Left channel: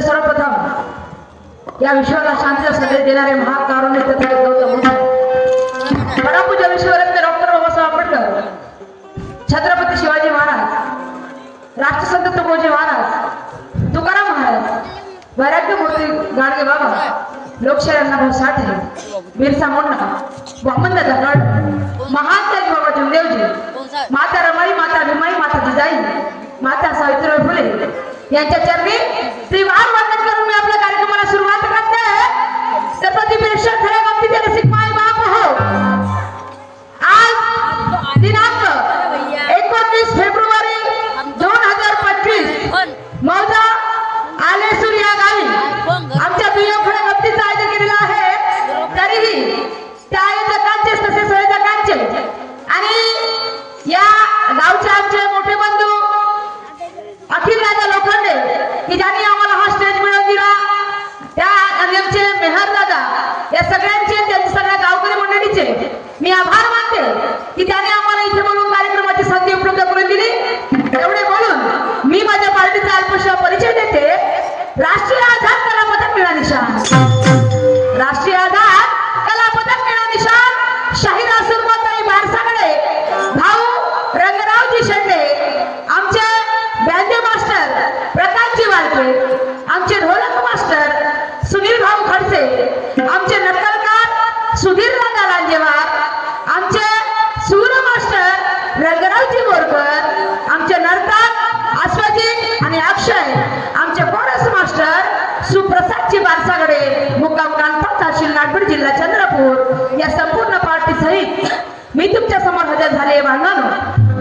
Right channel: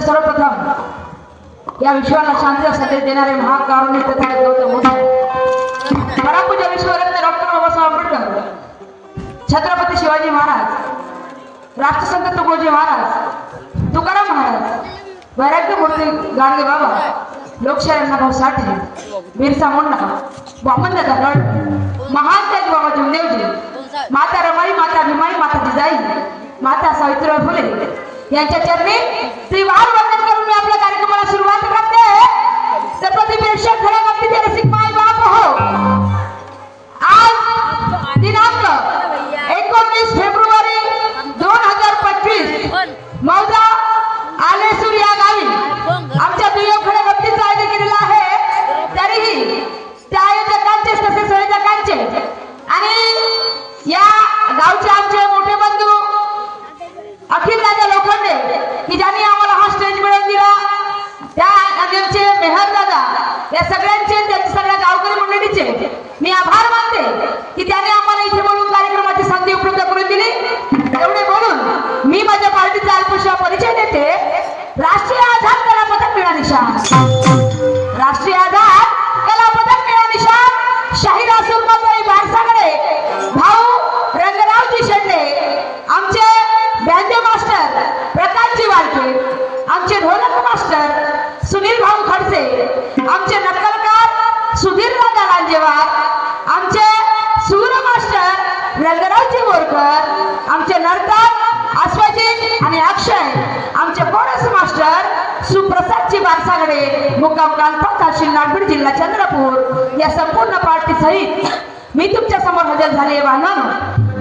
सर्वप्रथम या विश्वाला शांतीचा संदेश देणारे महाकारुणिक प्रथा गौतम बुद्ध. विश्वरत्न डॉक्टर बाबासाहेब आंबेडकर छत्रपती शिवाजी महाराज राष्ट्रसंत तुकोजी महाराज तुकाराम महाराज वैराग्य मूर्ती गाडगे बाबा लोकशाही अण्णाभाऊ साठे बिरसा मुंडा वामनदादा गड महान त्याग बाबा जमदेवजी माता रमाई माता भीमाई माता जिजाई माता सावित्रीबाई फुले यांच्या चरणी त्रिवार वंदन करून मी आपल्या कार्यक्रमाला सुरुवात करते. तर प्रतिप्रेक्षक खऱ्या गमतीचे रसिक माय बाप हो. आज दिनांक एकोणतीस फेब्रुवारी दोन हजार पंचवीस मौजा आलेसूर या गावी. आमच्या दुय्यम दुय्यमखड्या गमतीचं आयोजन केलेलं आहे. तरीही त्या आयोजकांचे तसेच संयोजकांचे आणि या गावचे आमचे मोठे बंधू अखिल मंडळीचे मी नागपूर जिल्हा चंद्रपूर या संपूर्ण पार्टी सहित मी तुमच्यासमोर हजर झाले वाहनानो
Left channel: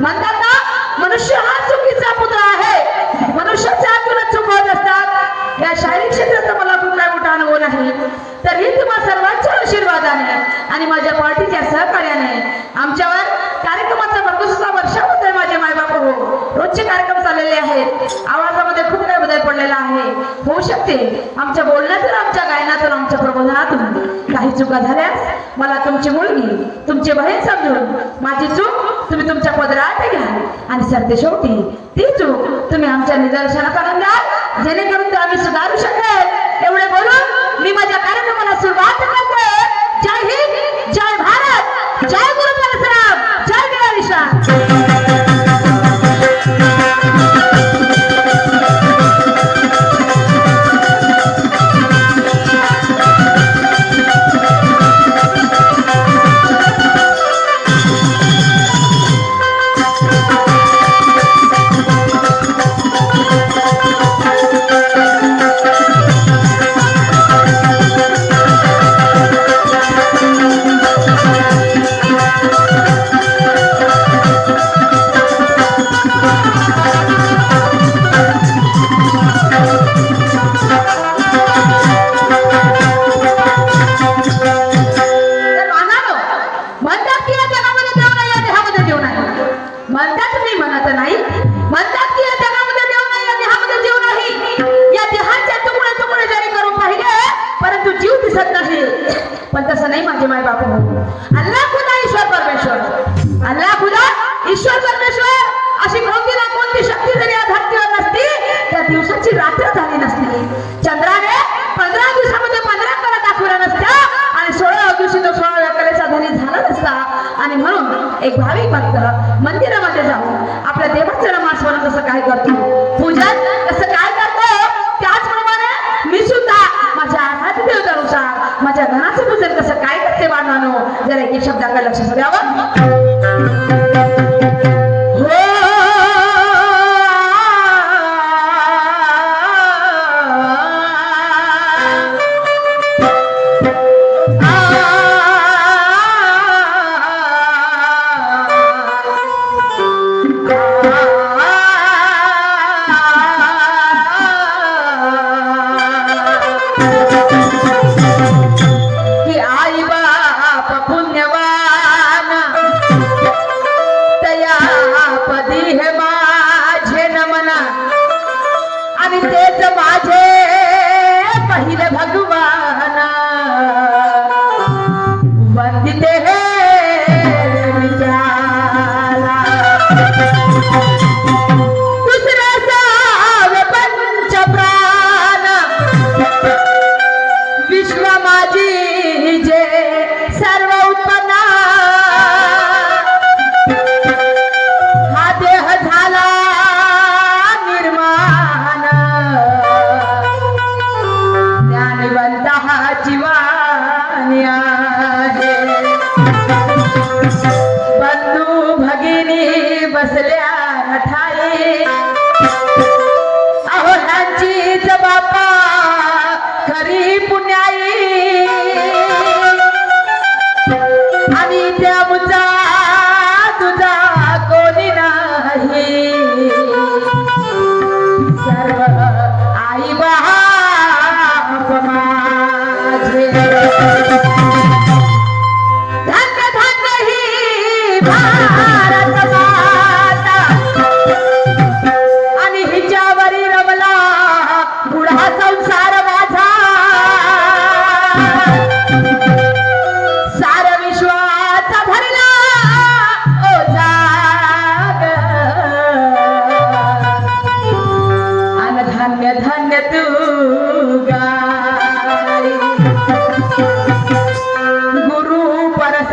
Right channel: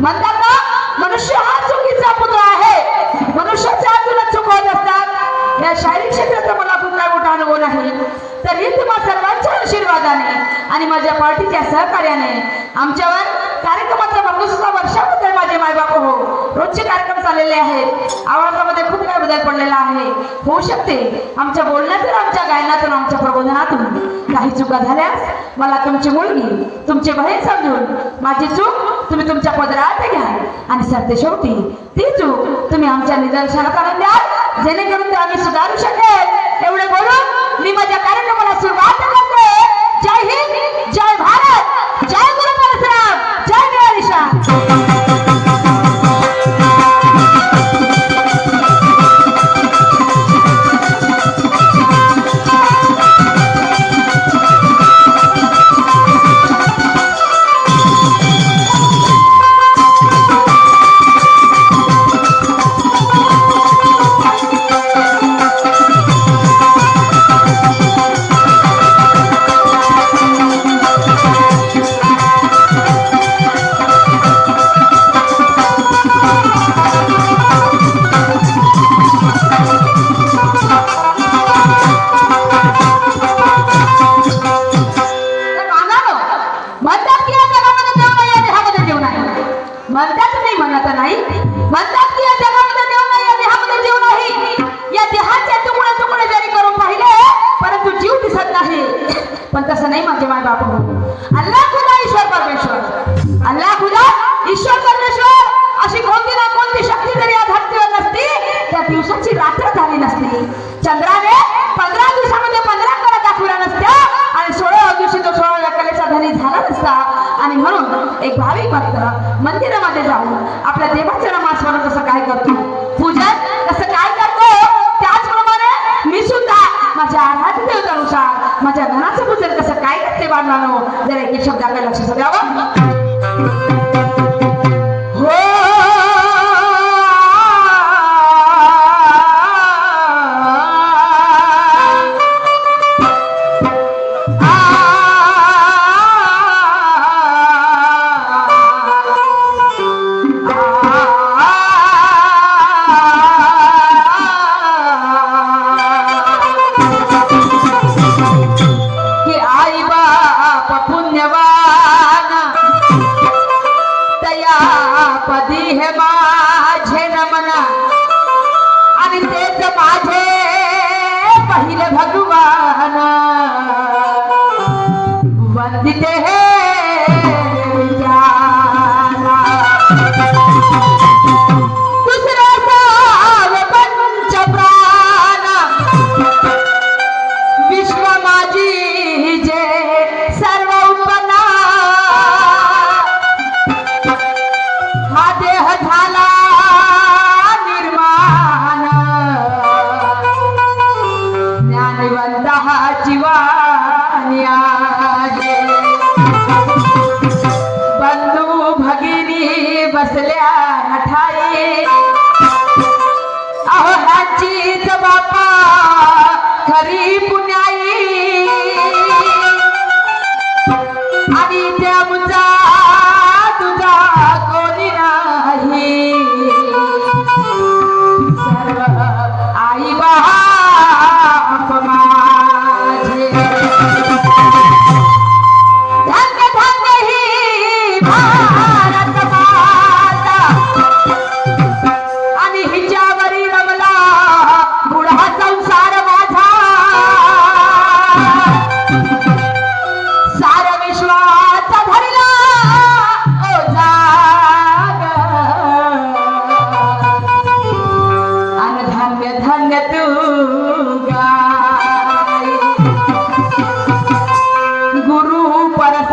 म्हणताना मनुष्य हा चुकीचा पुत्र आहे. मनुष्याच्या आतूनच चूक होत असतात. या शारीरिक क्षेत्राचा मला खूप काय मोठा अनुभव नाही. तरीही तुम्हा सर्वांच्या आशीर्वादाने आणि माझ्या पार्टीच्या सहकार्याने आमच्यावर कार्यक्रमाचा भरघोसचा वर्षाबद्दल माझे मायबाप हो. रोजचे कार्यक्रम चाललेले आहेत. आवाजामध्ये खूप काही पडलेला आहे. होऊ शकते. आमच्या बोलण्यातून आमच्या गायनातून आमच्या प्रबोधनातून काही चुका झाल्यास मला तुमची मुलगी तुमचे बहीण समजून माझी चूक तुम्ही तुमच्या पदरात घ्या. आणि सरते शेवटी ती चूक तुम्ही आमच्या निदर्शनात आणून द्या. जेणेकरून ते आम्ही सुधारू शकेल. एवढे बोलून मी माझ्या कार्यक्रमाला सुरुवात Kari.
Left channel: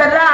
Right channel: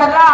atterrare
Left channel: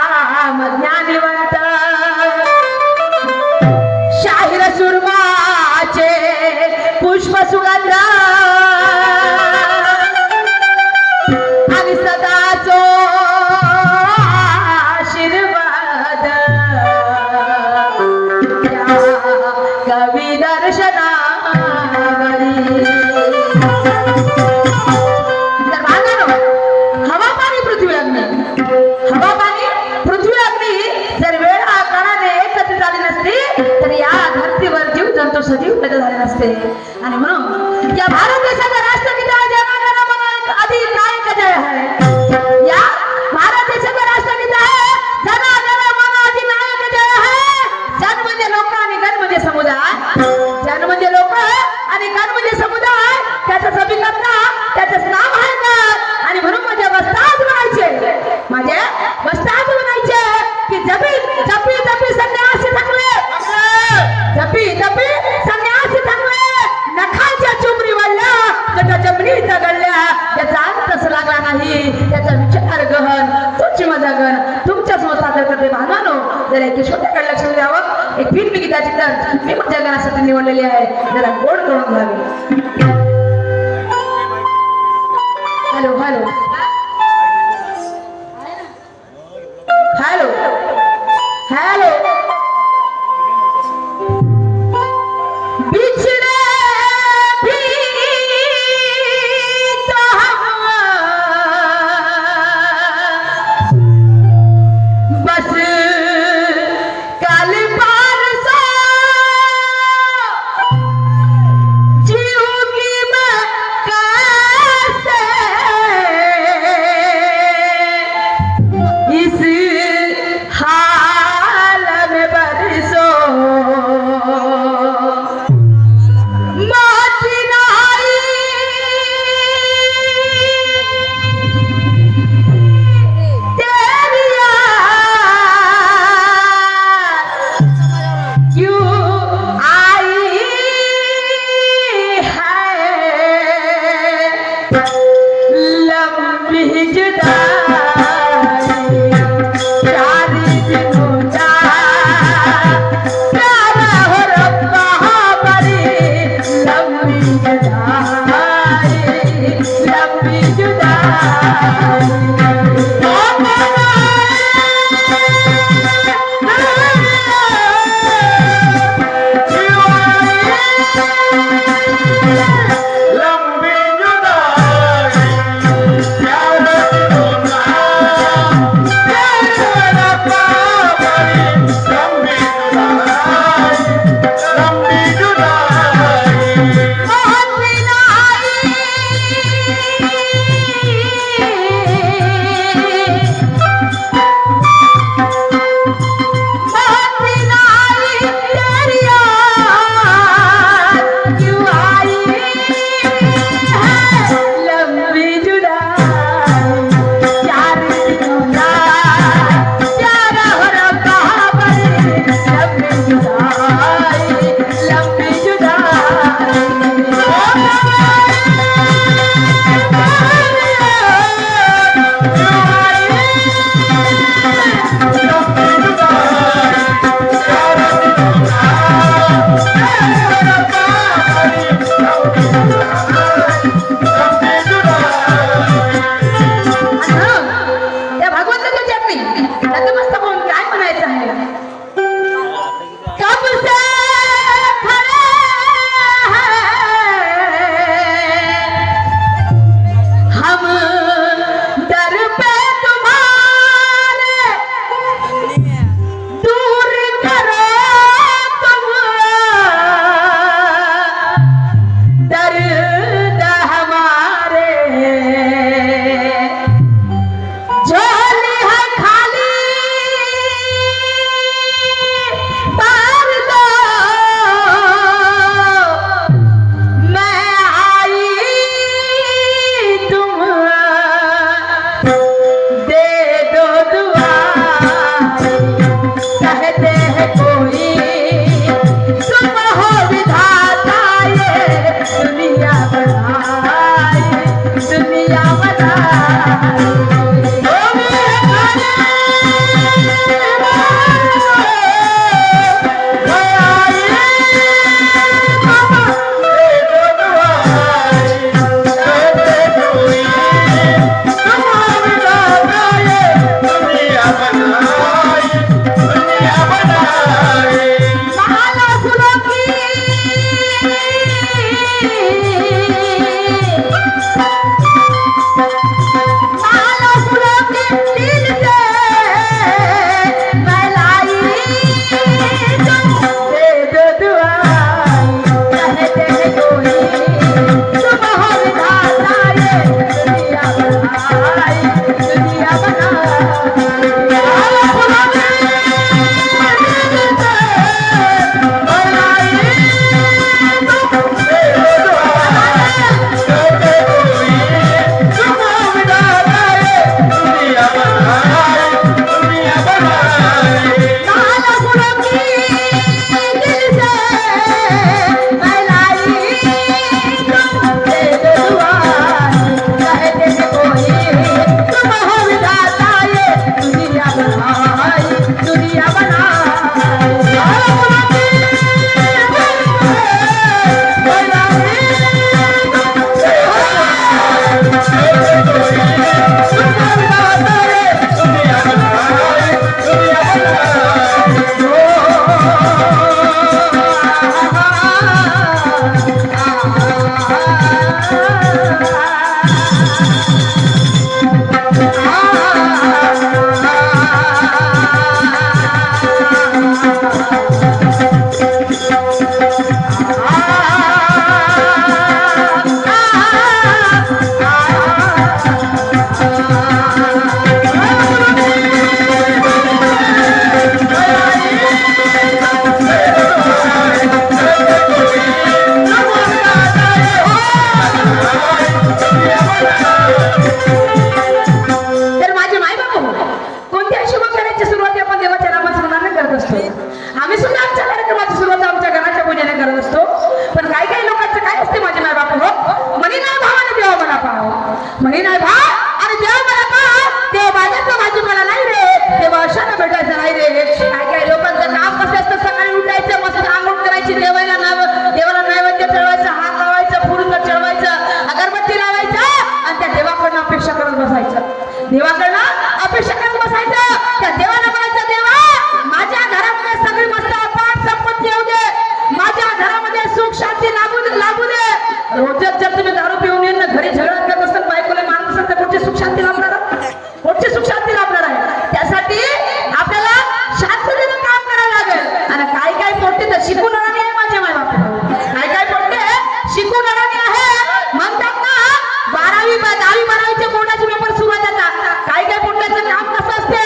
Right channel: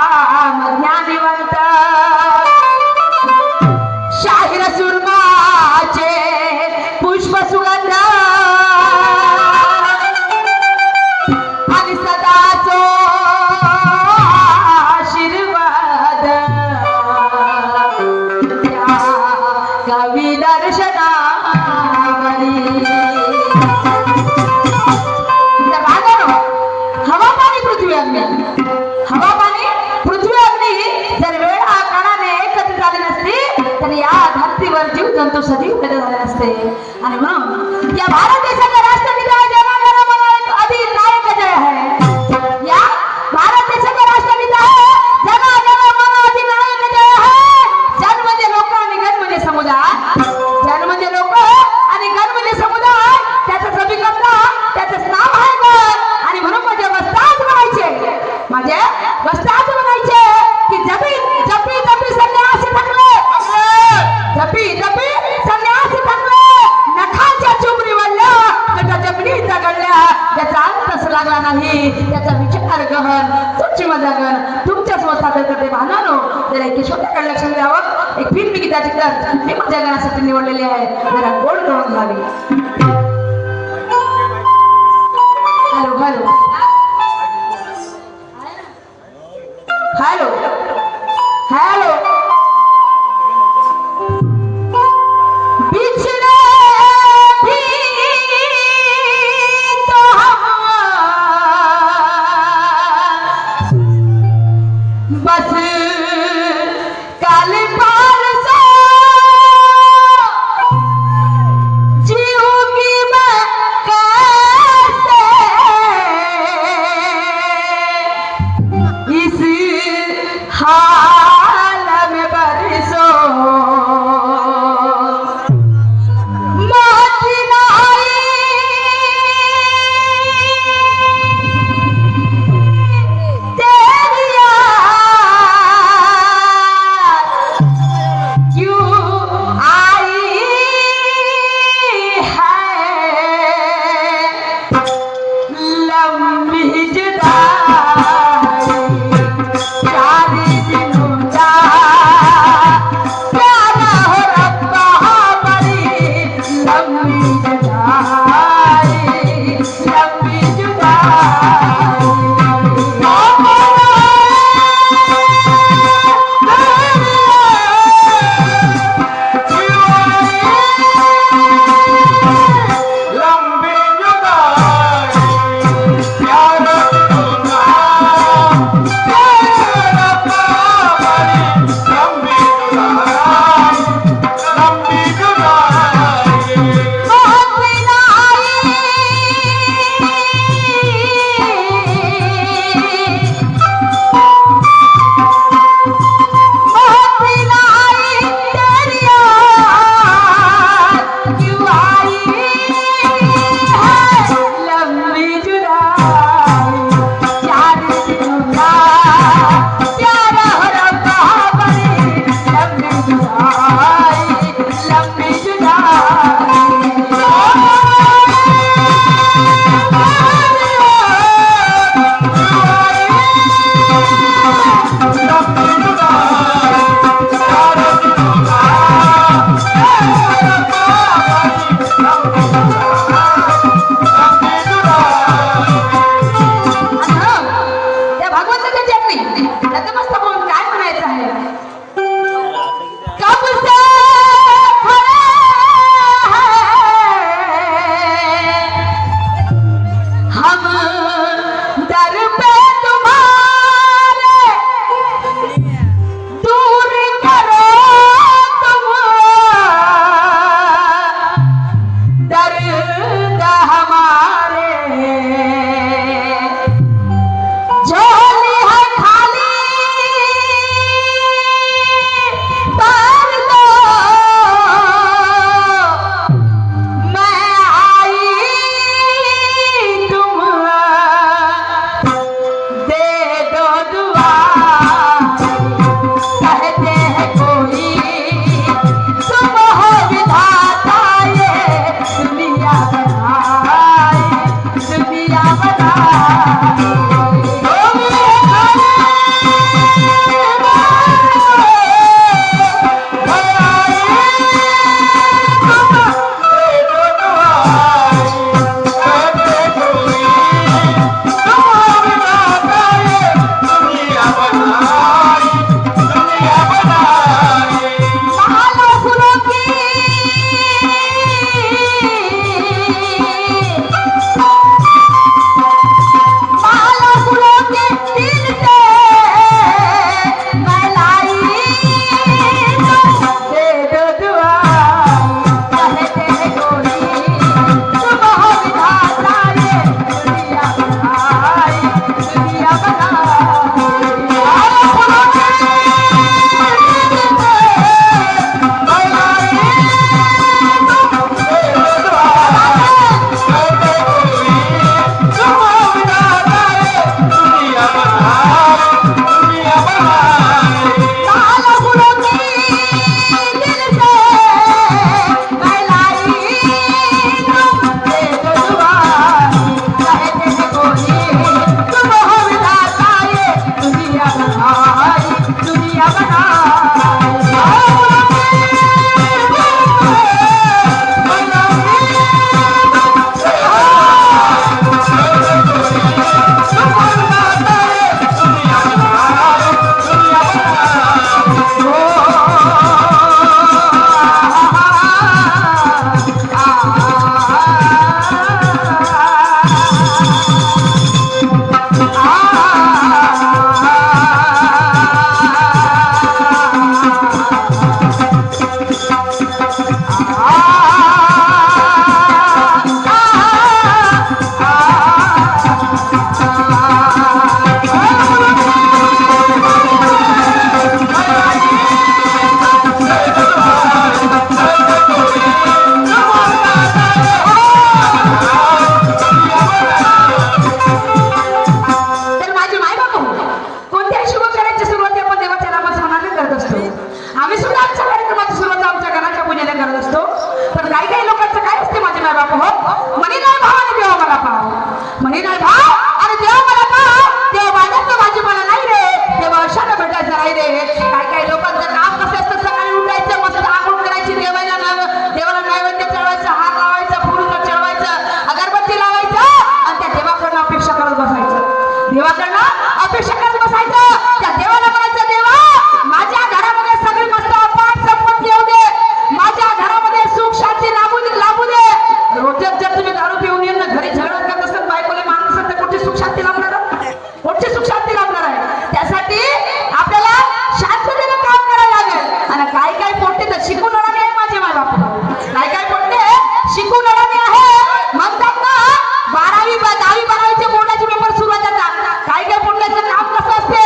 दहावी दहावी बारावीचे बोर्डाचे पेपर सुरुवात होतात काय काही बोर्डाचं काम कसं असते?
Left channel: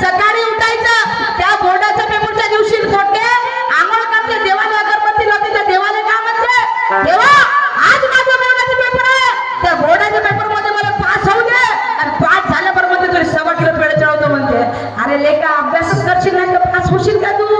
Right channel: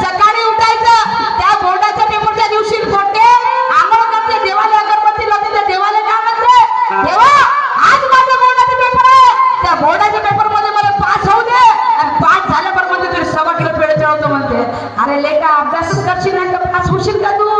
सकाळी उठायचं त्या बोर्डाच्या पेपरच्या दिवशी पोटे आंघोळ करते देवाला अगरबत्ती लावते तर देवाला काय म्हणते. देवा आज माझा बोर्डाचा पेपर आहे त्या बोर्डाच्या पेपरमध्ये मला पास होऊ दे. आणि पास झाल्यावर म्हणते तरी सवटलं पेड चढवतो म्हणते. अरे लेखा अभ्यासच करशील नाही तर पास होशील का तू?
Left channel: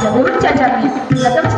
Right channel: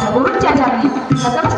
मला या क्षेत्रामध्ये मदत केली